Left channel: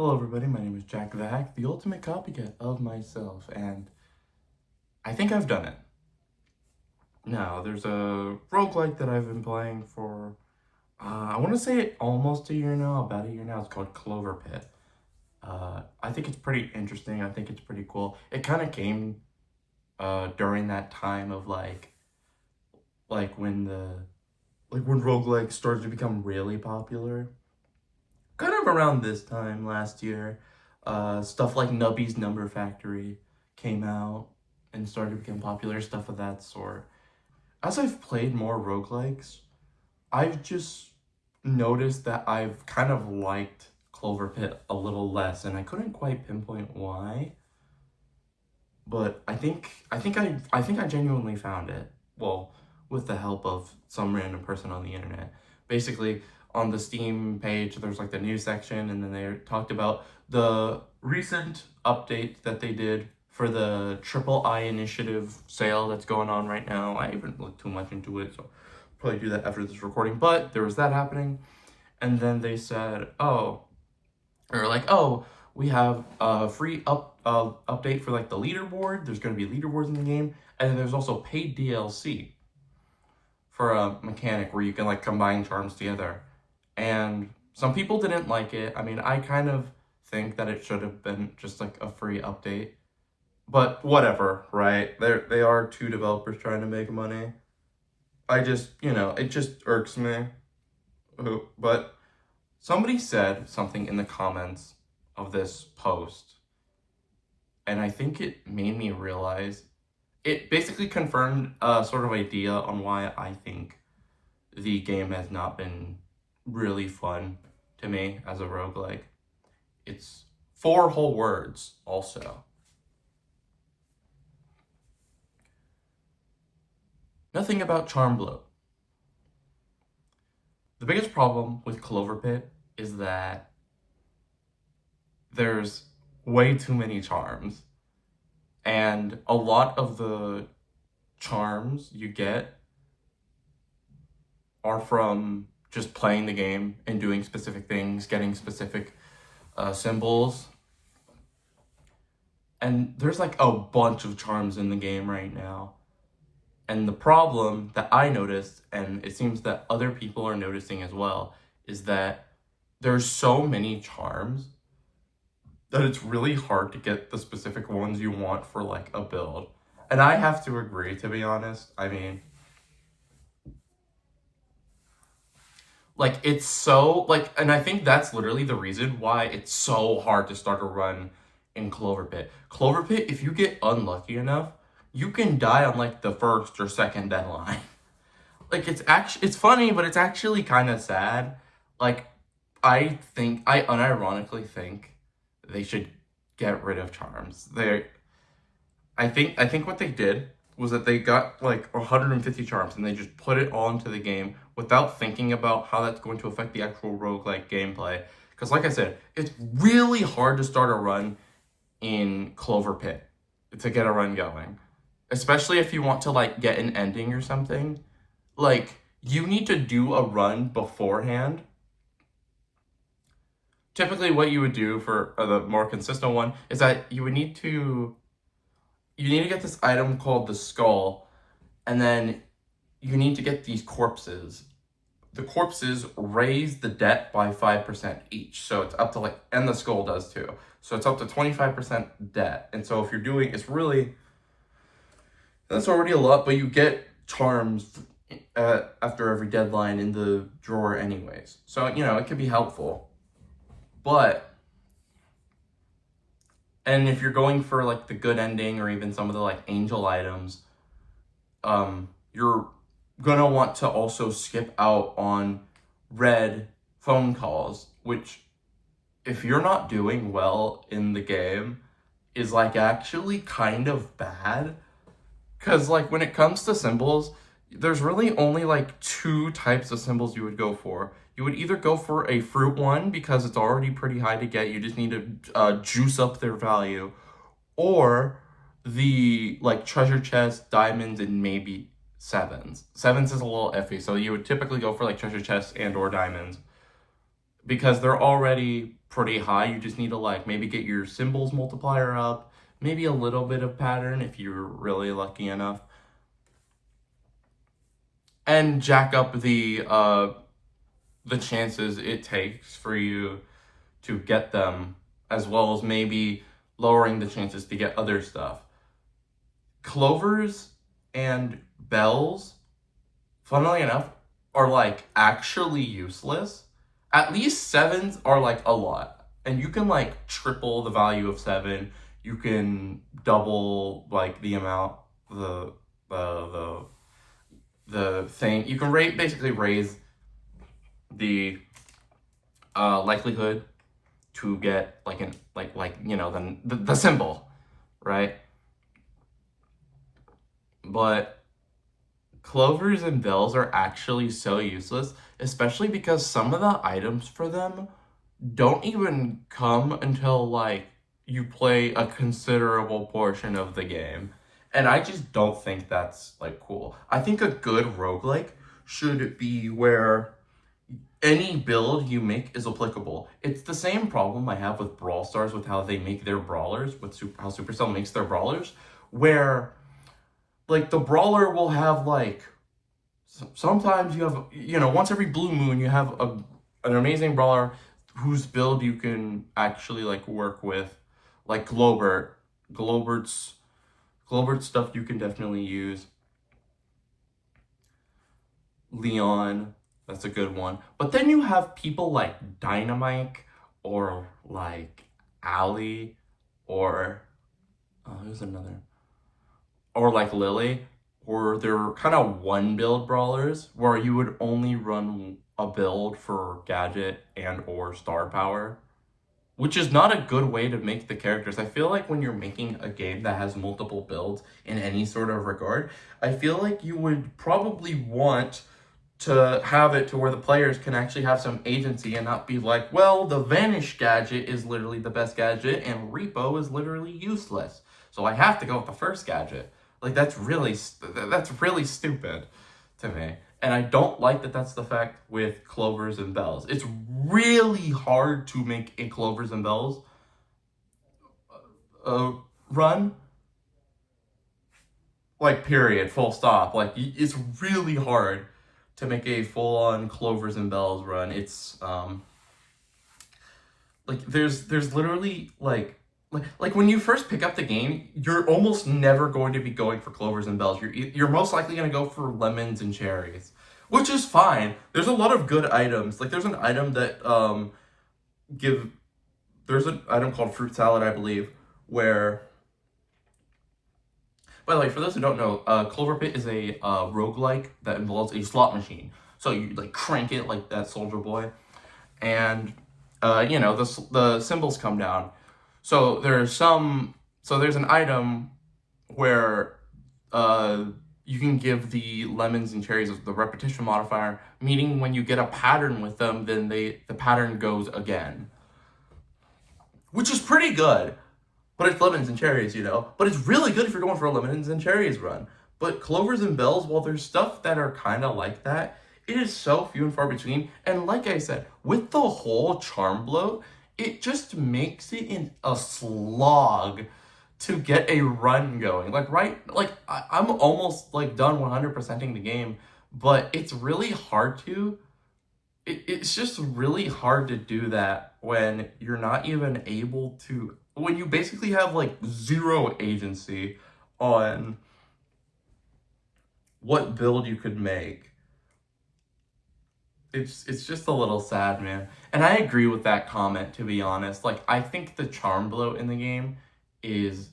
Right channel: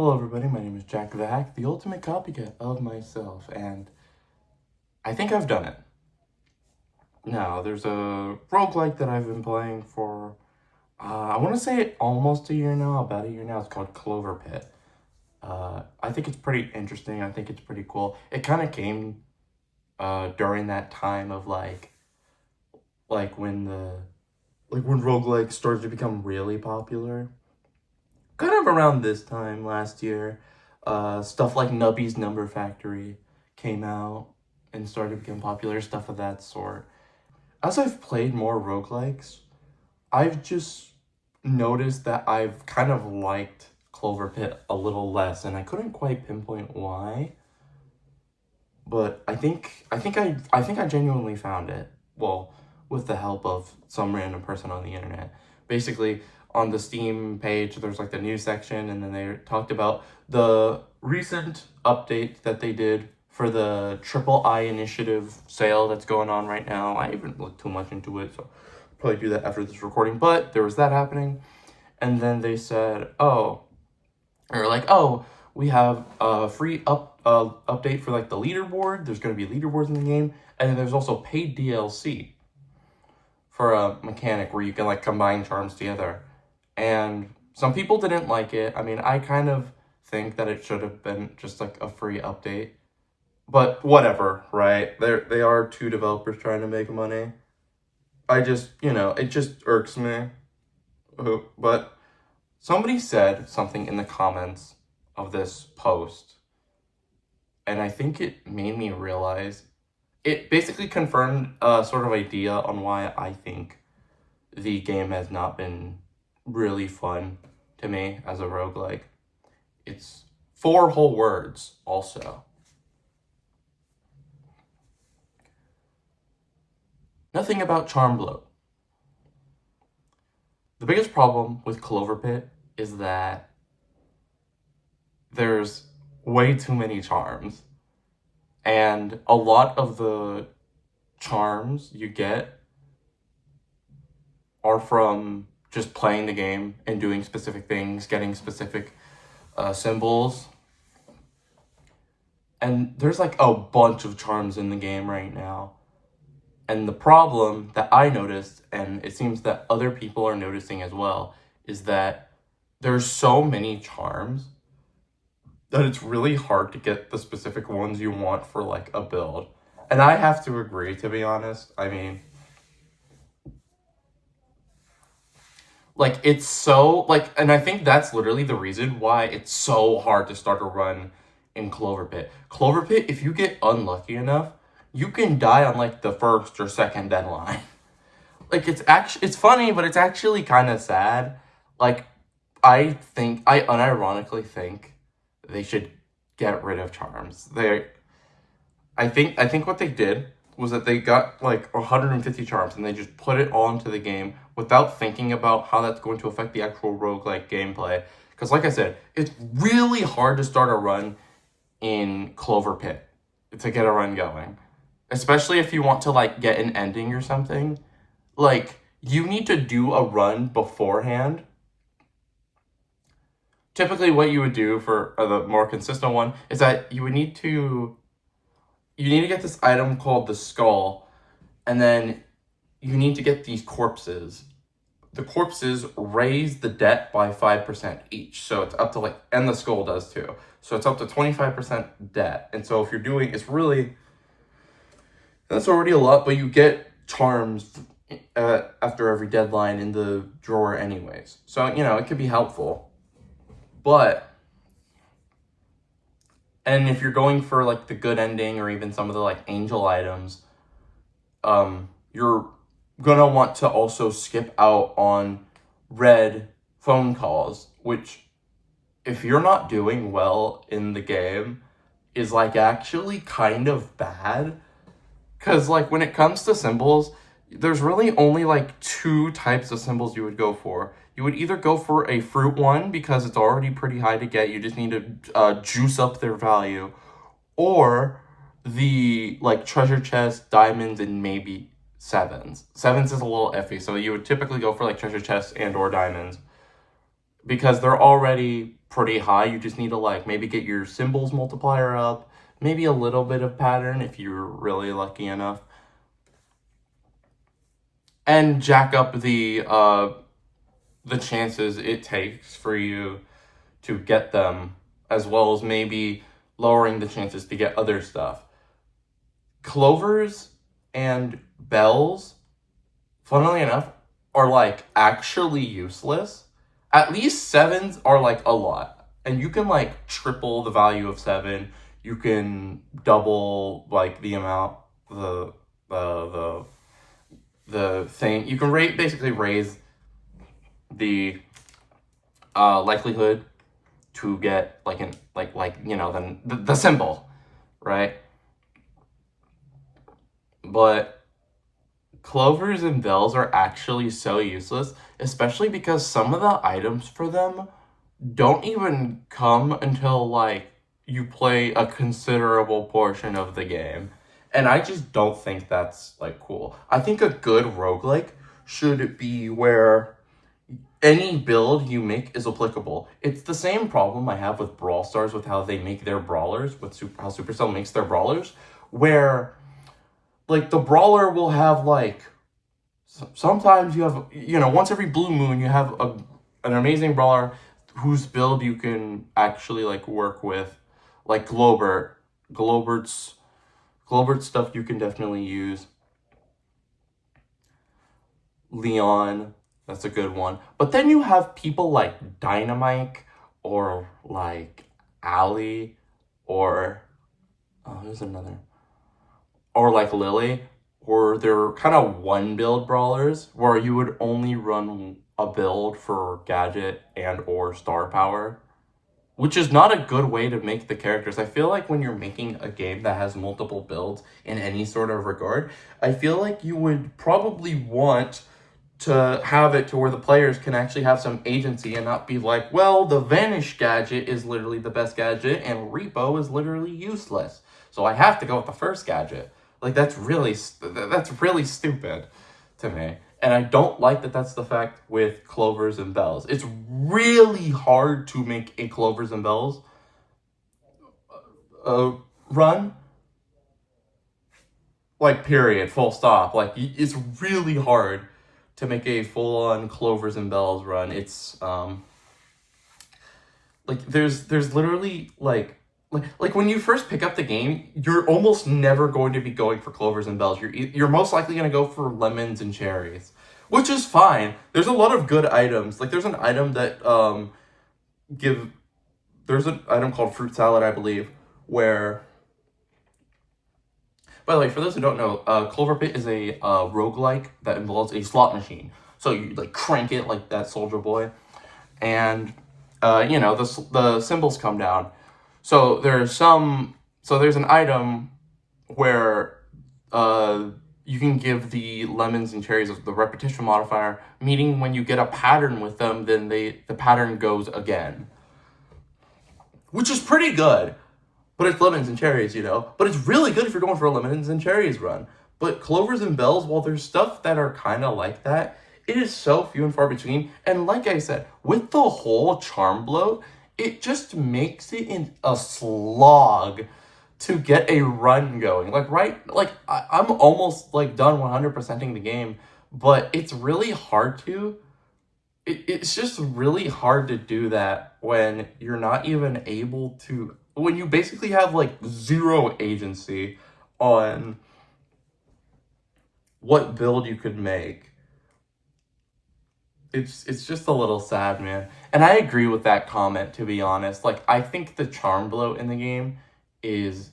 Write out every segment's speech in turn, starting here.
Hello everybody, my name is Jack the Hack, the ultimate copycat of myself, and I think I've done it. Now, there's a roguelike that I've been playing for, I want to say almost a year now, about a year now. It's called Clover Pit. I think it's pretty interesting, I think it's pretty cool. It kind of came during that time of like when when roguelikes started to become really popular. Kind of around this time last year, stuff like Nubby's Number Factory came out and started to become popular, stuff of that sort. As I've played more roguelikes, I've just noticed that I've kind of liked Clover Pit a little less, and I couldn't quite pinpoint why. But I think I genuinely found it. Well, with the help of some random person on the internet. Basically, on the Steam page, there's like the news section, and then they talked about the recent update that they did for the Triple I Initiative sale that's going on right now. I haven't looked too much into it, so I'll probably do that after this recording. But there was that happening, and then they said, oh, we have a free update for like the leaderboard. There's going to be leaderboards in the game, and then there's also paid DLC for a mechanic where you can like combine charms together. And some people didn't like it. I mean, I kind of think that it should have been just like a free update. But whatever, right? They are two developers trying to make money. I just, it just irks me. But somebody said something in the comments of this post, and I think it made me realize, it basically confirmed a sort of idea on why I think the game has not been really fun to me as a roguelike. It's 4 whole words also. Nothing about charm bloat. The biggest problem with Clover Pit is that there's way too many charms. And a lot of the charms you get are from just playing the game and doing specific things, getting specific symbols. And there's like a bunch of charms in the game right now. And the problem that I noticed, and it seems that other people are noticing as well, is that there's so many charms that it's really hard to get the specific ones you want for like a build. And I have to agree, to be honest. I mean, like, it's so, like, and I think that's literally the reason why it's so hard to start a run in Clover Pit. Clover Pit, if you get unlucky enough, you can die on like the first or second deadline. Like, it's funny, but it's actually kind of sad. Like, I unironically think they should get rid of charms. I think what they did was that they got like 150 charms and they just put it all into the game without thinking about how that's going to affect the actual roguelike gameplay. Because like I said, it's really hard to start a run in Clover Pit to get a run going. Especially if you want to like get an ending or something. Like, you need to do a run beforehand. Typically what you would do for the more consistent one is that you need to get this item called the skull, and then you need to get these corpses. The corpses raise the debt by 5% each, so it's up to like, and the skull does too. So it's up to 25% debt. And so if you're doing, that's already a lot, but you get charms after every deadline in the drawer anyways. So, it could be helpful. But, and if you're going for like the good ending or even some of the like angel items, you're gonna want to also skip out on red phone calls, which, if you're not doing well in the game, is like actually kind of bad. Because like when it comes to symbols, there's really only like 2 types of symbols you would go for. You would either go for a fruit one because it's already pretty high to get, you just need to juice up their value, or the like treasure chest, diamonds, and maybe sevens. Sevens is a little iffy, so you would typically go for like treasure chests and or diamonds because they're already pretty high. You just need to like maybe get your symbols multiplier up, maybe a little bit of pattern if you're really lucky enough, and jack up the chances it takes for you to get them, as well as maybe lowering the chances to get other stuff. Clovers and bells, funnily enough, are like actually useless. At least sevens are like a lot. And you can like triple the value of seven. You can double like the amount, the thing. You can basically raise the likelihood to get like an like you know the symbol, right? But clovers and bells are actually so useless, especially because some of the items for them don't even come until like you play a considerable portion of the game. And I just don't think that's like cool. I think a good roguelike should be where any build you make is applicable. It's the same problem I have with Brawl Stars with how they make their brawlers, with how Supercell makes their brawlers, where like the brawler will have like sometimes you have, once every blue moon you have an amazing brawler whose build you can actually like work with, like Globert's stuff you can definitely use. Leon, that's a good one. But then you have people like Dynamite or like Ali or there's another, or like Lily, or they're kind of one build brawlers where you would only run a build for gadget and or star power, which is not a good way to make the characters. I feel like when you're making a game that has multiple builds in any sort of regard, I feel like you would probably want to have it to where the players can actually have some agency and not be like, well, the Vanish gadget is literally the best gadget and Repo is literally useless, so I have to go with the first gadget. Like, that's really stupid to me. And I don't like that that's the fact with Clovers and Bells. It's really hard to make a Clovers and Bells run. Like, period, full stop. Like, it's really hard to make a full-on Clovers and Bells run. It's, like, there's literally, like when you first pick up the game, you're almost never going to be going for Clovers and Bells. You're most likely going to go for lemons and cherries, which is fine. There's a lot of good items. Like, there's an item that there's an item called Fruit Salad, I believe, where, by the way, for those who don't know, Clover Pit is a roguelike that involves a slot machine. So you like crank it like that Soldier Boy, and the symbols come down. So there's an item where you can give the lemons and cherries the repetition modifier, meaning when you get a pattern with them, then the pattern goes again, which is pretty good. But it's lemons and cherries, But it's really good if you're going for a lemons and cherries run. But Clovers and Bells, while there's stuff that are kind of like that, it is so few and far between. And like I said, with the whole charm bloat, it just makes it in a slog to get a run going. Like, right? Like, I'm almost, like, done 100%ing the game, but it's really hard to. It's just really hard to do that when you're not even able to. When you basically have, like, zero agency on what build you could make. It's just a little sad, man. And I agree with that comment, to be honest. Like, I think the charm bloat in the game is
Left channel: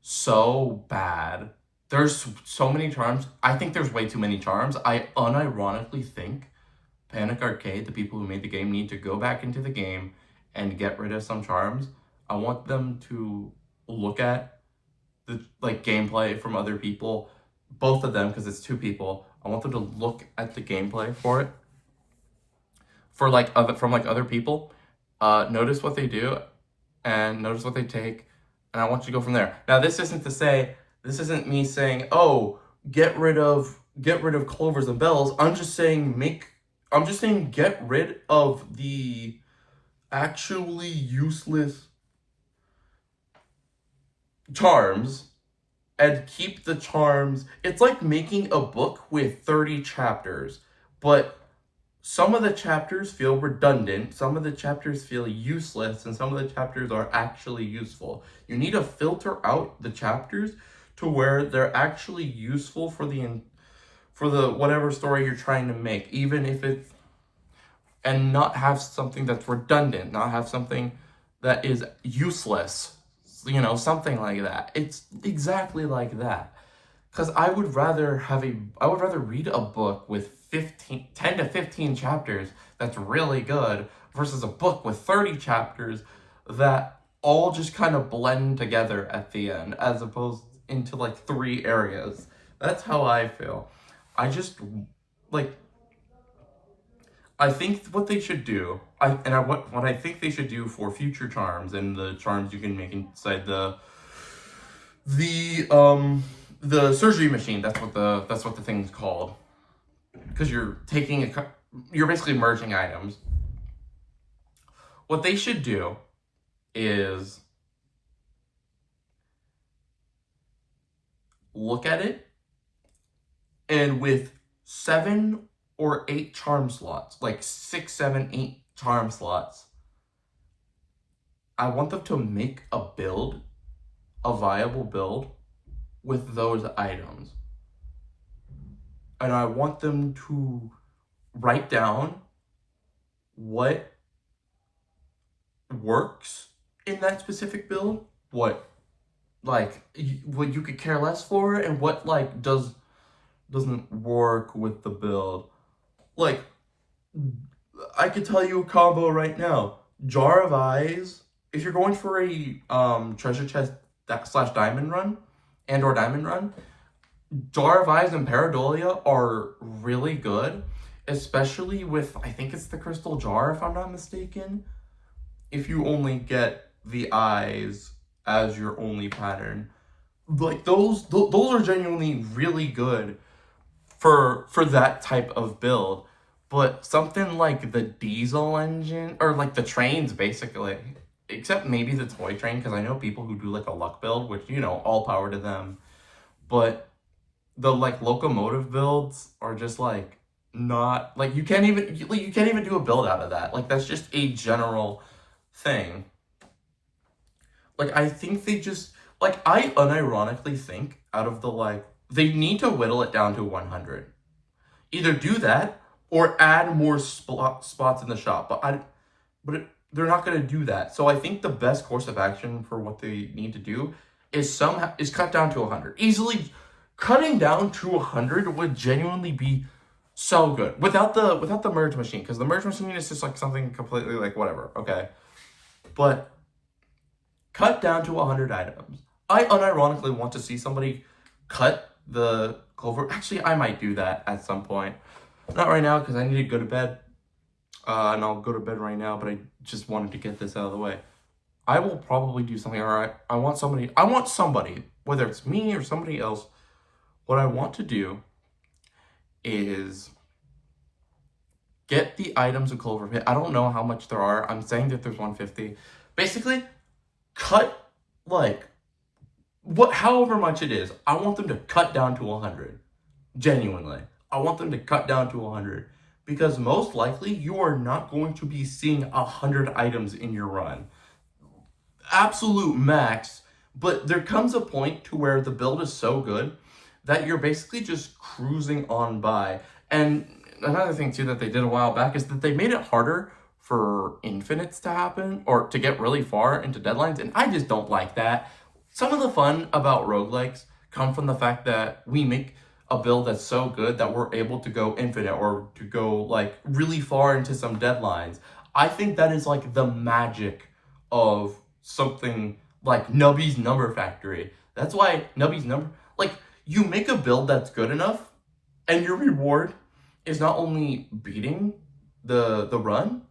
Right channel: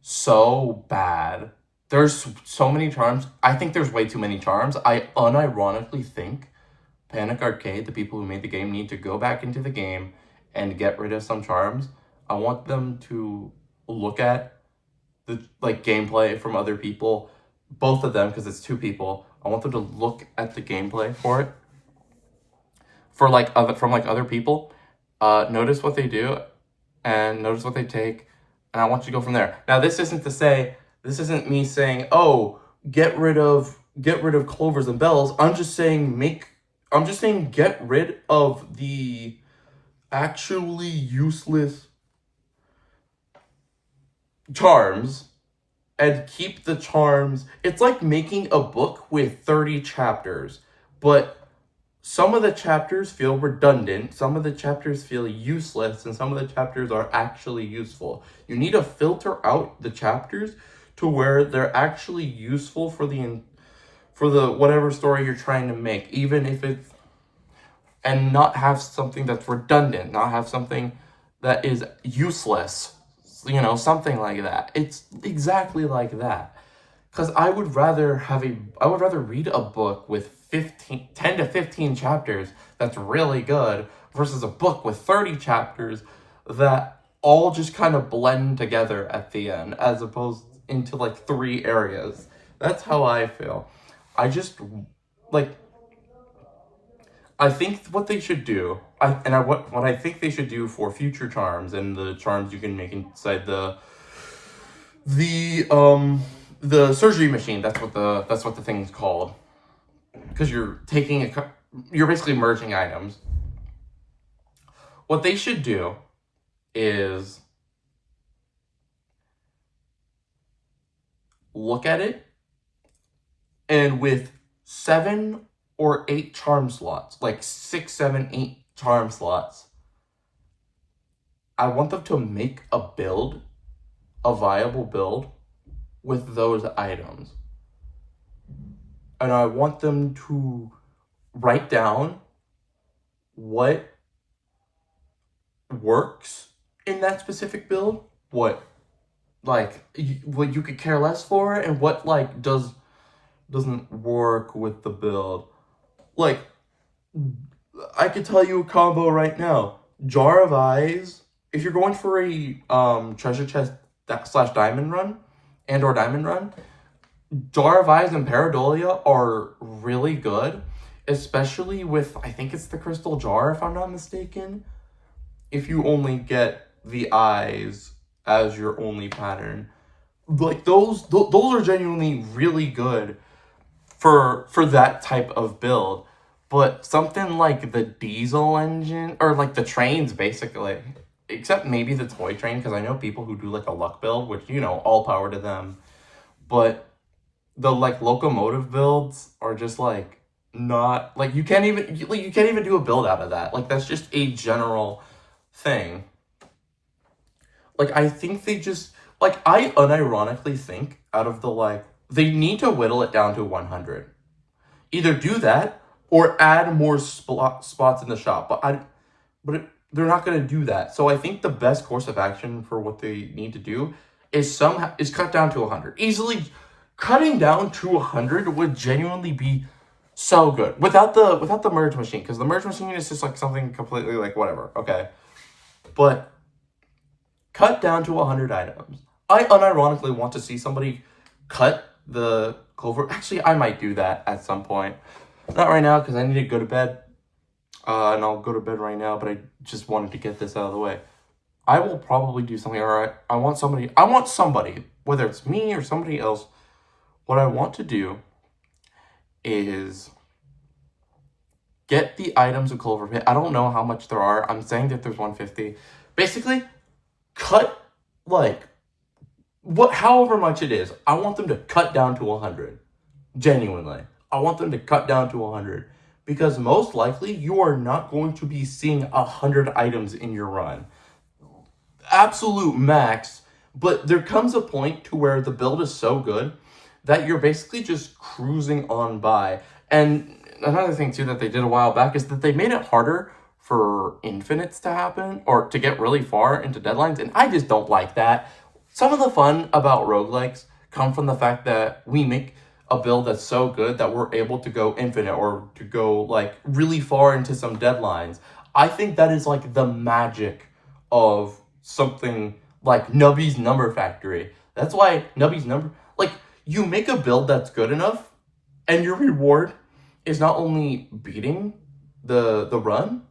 so bad. There's so many charms. I think there's way too many charms. I unironically think Panic Arcade, the people who made the game, need to go back into the game and get rid of some charms. I want them to look at the gameplay from other people, both of them, because it's two people. I want them to look at the gameplay for it. For from other people, notice what they do, and notice what they take, and I want you to go from there. Now, this isn't me saying, oh, get rid of Clovers and Bells. I'm just saying get rid of the actually useless charms and keep the charms. It's like making a book with 30 chapters, but some of the chapters feel redundant, some of the chapters feel useless, and some of the chapters are actually useful. You need to filter out the chapters to where they're actually useful for the whatever story you're trying to make, even if it's, and not have something that's redundant, not have something that is useless, something like that. It's exactly like that. Because I would rather read a book with 10 to 15 chapters that's really good versus a book with 30 chapters that all just kind of blend together at the end, as opposed into like 3 areas. That's how I feel. I just, like, I think what they should do, what I think they should do for future charms and the charms you can make inside the the surgery machine. That's what the thing's called, because you're basically merging items. What they should do is look at it, and with 7 or 8 charm slots, like 6, 7, 8 charm slots, I want them to make a viable build with those items. And I want them to write down what works in that specific build, what you could care less for, and what doesn't work with the build. Like, I could tell you a combo right now. Jar of Eyes, if you're going for a treasure chest / diamond run or diamond run, Jar of Eyes and Pareidolia are really good, especially with, I think it's the crystal jar, if I'm not mistaken, if you only get the eyes as your only pattern. Like, those are genuinely really good for that type of build. But something like the diesel engine, or like the trains, basically, except maybe the toy train, because I know people who do like a luck build, which, all power to them. But the like locomotive builds are just like not, like, you can't even do a build out of that. Like, that's just a general thing. Like, I think they just, like, I unironically think out of they need to whittle it down to 100. Either do that or add more spots in the shop. But they're not going to do that. So I think the best course of action for what they need to do is cut down to 100. Easily cutting down to 100 would genuinely be so good without the merge machine, because the merge machine is just like something completely like whatever, okay? But cut down to 100 items. I unironically want to see somebody cut the clover. Actually, I might do that at some point. Not right now, because I need to go to bed. And I'll go to bed right now, but I just wanted to get this out of the way. I will probably do something. All right, I want somebody, whether it's me or somebody else, what I want to do is get the items of Clover Pit. I don't know how much there are. I'm saying that there's 150. Basically, cut, however much it is. I want them to cut down to 100. Genuinely. I want them to cut down to 100. Because most likely, you are not going to be seeing 100 items in your run. Absolute max. But there comes a point to where the build is so good that you're basically just cruising on by. And another thing, too, that they did a while back is that they made it harder for infinites to happen, or to get really far into deadlines, and I just don't like that. Some of the fun about roguelikes come from the fact that we make a build that's so good that we're able to go infinite, or to go really far into some deadlines. I think that is the magic of something like Nubby's Number Factory. That's why Nubby's Number, you make a build that's good enough, and your reward is not only beating the run,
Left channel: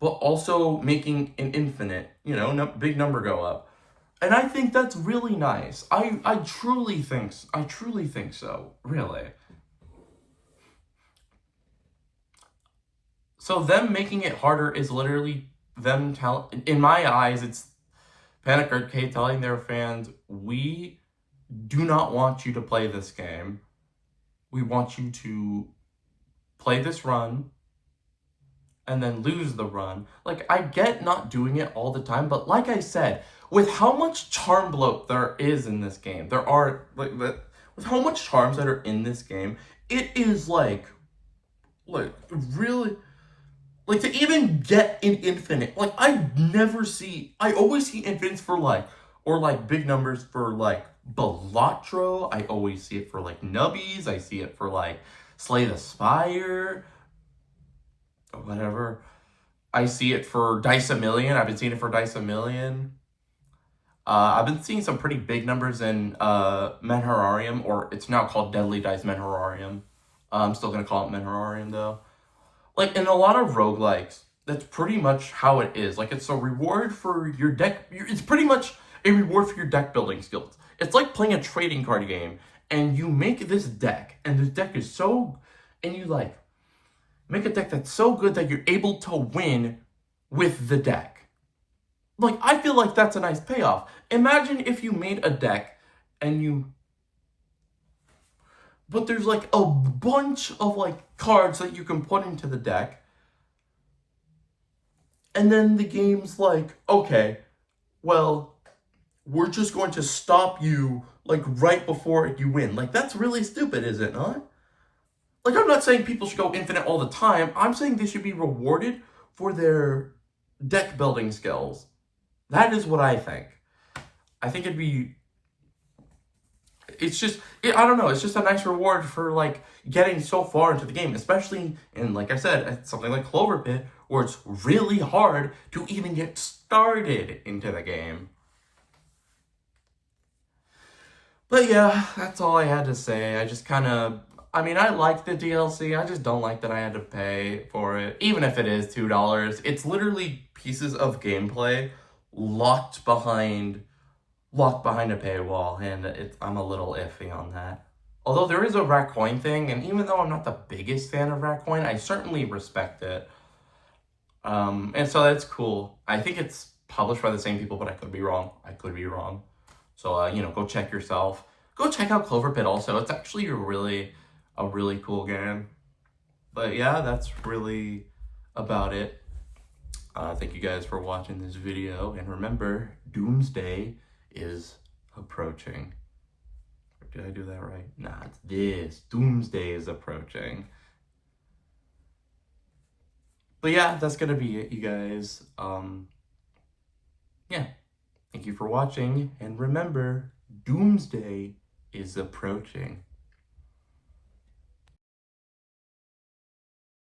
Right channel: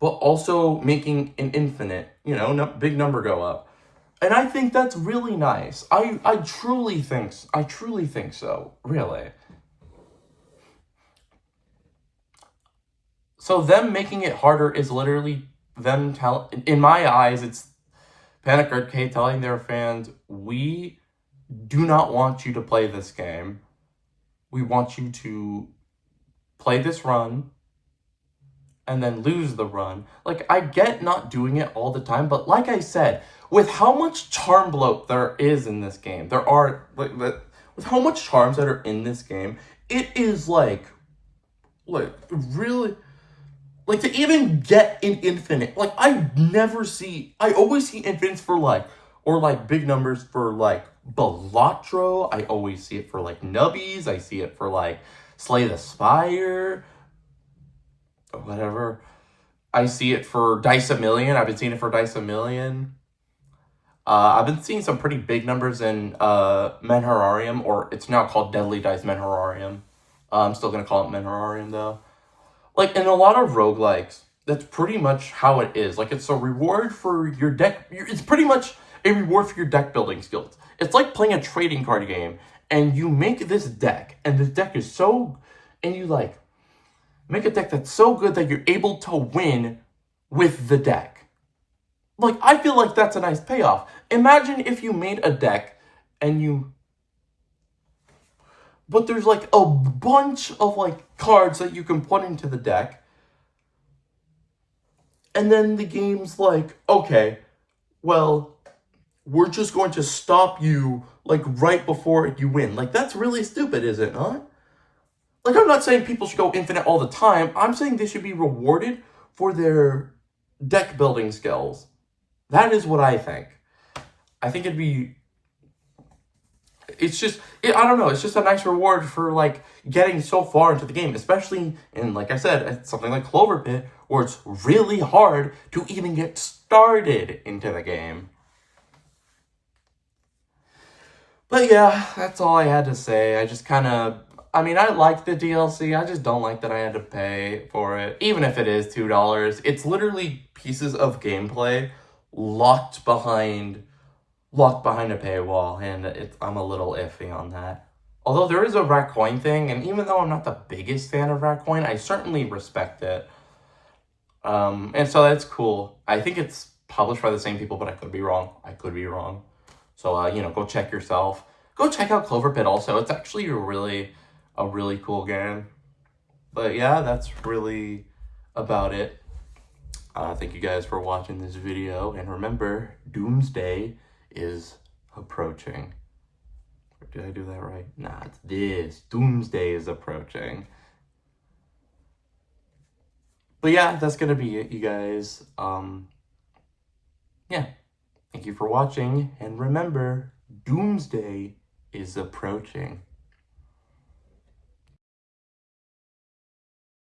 but also making an infinite, big number go up. And I think that's really nice. I truly think so, really. So them making it harder is literally them in my eyes, it's Panic Arcade telling their fans, we do not want you to play this game. We want you to play this run and then lose the run. Like, I get not doing it all the time, but like I said, with how much charm bloat there is in this game, with how much charms that are in this game, it is like really, like, to even get an infinite, like, I always see infinites for, like, or, like, big numbers for, like, Balatro. I always see it for, like, Nubbies. I see it for, like, Slay the Spire, whatever. I see it for Dice a Million. I've been seeing it for Dice a Million. I've been seeing some pretty big numbers in Menhorarium, or it's now called Deadly Dice Menhorarium. I'm still going to call it Menhorarium, though. Like, in a lot of roguelikes, that's pretty much how it is. Like, it's a reward for your deck. It's pretty much a reward for your deck building skills. It's like playing a trading card game, and you make this deck, and this deck is so... And you, like, make a deck that's so good that you're able to win with the deck. Like, I feel like that's a nice payoff. Imagine if you made a deck, and you... But there's, like, a bunch of, like, cards that you can put into the deck. And then the game's like, okay, well, we're just going to stop you, like, right before you win. Like, that's really stupid, is it not? Like, I'm not saying people should go infinite all the time. I'm saying they should be rewarded for their deck building skills. That is what I think. I think it'd be... I don't know, it's just a nice reward for, like, getting so far into the game, especially in, like I said, something like Clover Pit, where it's really hard to even get started into the game. But yeah, that's all I had to say. I just kind of, I mean, I like the DLC, I just don't like that I had to pay for it, even if it is $2. It's literally pieces of gameplay locked behind a paywall, and I'm a little iffy on that. Although there is a rat coin thing, and even though I'm not the biggest fan of rat coin, I certainly respect it. And so that's cool. I think it's published by the same people, but I could be wrong. So, go check yourself. Go check out Clover Pit also. It's actually a really cool game. But yeah, that's really about it. Thank you guys for watching this video, and remember, Doomsday is approaching. Did I do that right? Nah, it's this. Doomsday is approaching. But yeah, that's gonna be it, you guys. Yeah. Thank you for watching, and remember, Doomsday is approaching.